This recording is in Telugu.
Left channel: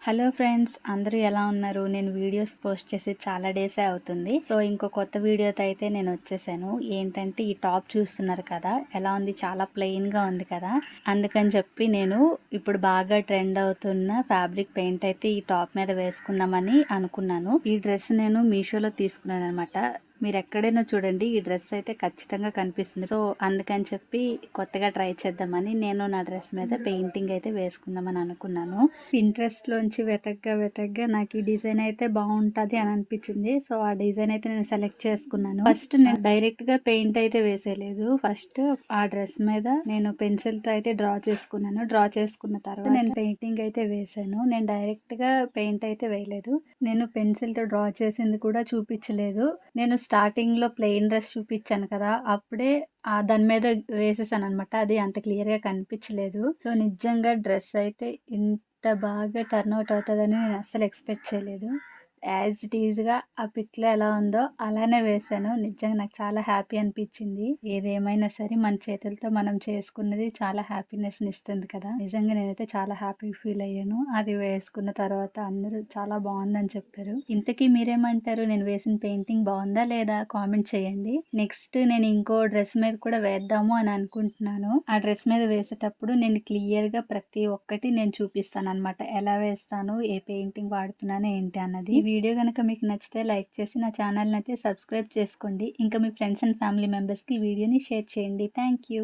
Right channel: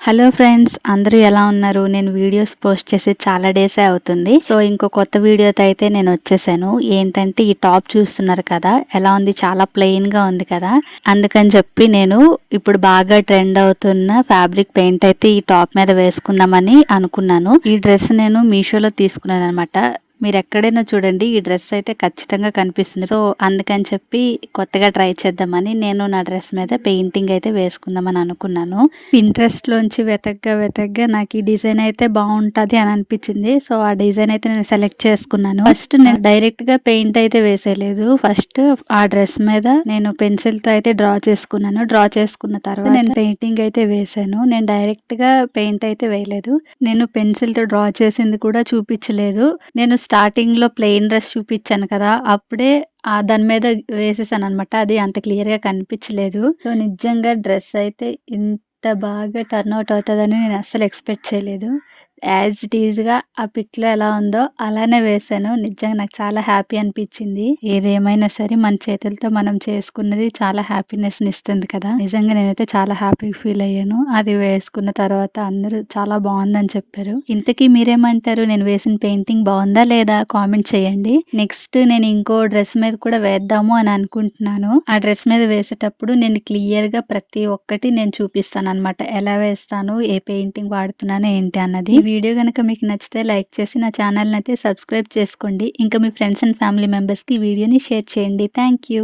హలో ఫ్రెండ్స్, అందరూ ఎలా ఉన్నారు? నేను వీడియోస్ పోస్ట్ చేసి చాలా డేసే అవుతుంది. సో ఇంకో కొత్త వీడియోతో అయితే నేను వచ్చేసాను. ఏంటంటే ఈ టాప్ చూస్తున్నారు కదా, ఎలా ఉంది? చాలా ప్లెయిన్గా ఉంది కదా. అందుకని చెప్పి నేను ఇప్పుడు బాగా ట్రెండ్ అవుతున్న ఫ్యాబ్రిక్ పెయింట్ అయితే ఈ టాప్ మీద వేసుకుందామని అనుకున్నాను. ఈ డ్రెస్ నేను మీషోలో తీసుకున్నాను అనమాట. మీరు ఎక్కడైనా చూడండి, ఈ డ్రెస్ అయితే ఖచ్చితంగా కనిపిస్తుంది. సో అందుకని చెప్పి కొత్తగా ట్రై చేద్దామని నేను నా డ్రెస్ మీద పెయింటింగ్ అయితే వేసుకుందామని అనుకున్నాను. ఇంట్రెస్ట్ లోంచి వెతగ్గా నాకు ఈ డిజైన్ అయితే బాగుంటది అని అనిపించింది. సో ఆ డిజైన్ అయితే నేను సెలెక్ట్ చేసుకున్నాను. ఫస్ట్ నేను డైరెక్ట్ గా పెయింట్ అయితే వేసేయలేదు. ఫస్ట్ ఆ డ్రెస్ మీద నేను పెన్సిల్ తో అయితే డ్రా చేసుకున్నాను. డ్రా చేసుకున్న తర్వాత నేను పెయింటింగ్ అయితే వేసాను. నేను డైరెక్ట్ గా పెయింట్ అయితే వేయలేదు. నేను పెన్సిల్ తో డ్రా చేసింది కూడా చూపించలేదు. నేను స్టార్టింగ్ లో ప్లెయిన్ డ్రెస్ చూపించాను కదా, అప్పుడే దాని మీద వేసేసాను అనమాట. అది అంత క్లియర్ గా కనిపించలేదు. సో నిజంగా డ్రెస్ అయితే ఇంత బాగా టర్న్ అవుట్ అవుతదని నేను అస్సలు ఎక్స్‌పెక్ట్ చేయలేదు. యాజ్ ఇట్ ఈస్‌గా ఆ పిక్‌లో ఎలా ఉందో అలానే వేశాను. నిజంగా నాకు చాలా హ్యాపీ అనిపించింది. ఏదేమైనా సరే మన చేతులతో మనం చేసుకున్నది చాలా హ్యాపీనెస్‌ని ఇస్తుంది కదా. నిజంగా నేనైతే చాలా హ్యాపీగా ఫీల్ అయ్యాను. అది వేసుకున్న తర్వాత అందరూ చాలా బావుందని చెప్పారు. ఇంతకీ మీరేమంటారు? నేను వేసిన పెయింటింగ్ బావుందా లేదా? కామెంట్ చేయండి. నెక్స్ట్ నేను ఇంకో డ్రెస్ మీద కూడా వేద్దాము అని అనుకుంటున్నాను. ఆ డ్రెస్ మీద వేసేటప్పుడు నేను క్లియర్‌గా ప్రతి ఒక్కటి నేను చూపిస్తాననమాట. ఎలా వేస్తాను, ఏ పెయింటింగ్ వాడుతున్నాను, ఏంటి అన్నది. ఈ వీడియో గనుక మీకు నచ్చితే లైక్ చేసి నా ఛానల్‌ని అయితే సబ్స్క్రైబ్ చేసుకోండి. ఇంకా మీ ఫ్రెండ్స్ అండ్ ఫ్యామిలీ మెంబర్స్‌కి ఈ వీడియోని షేర్ చేయండి. Thank you.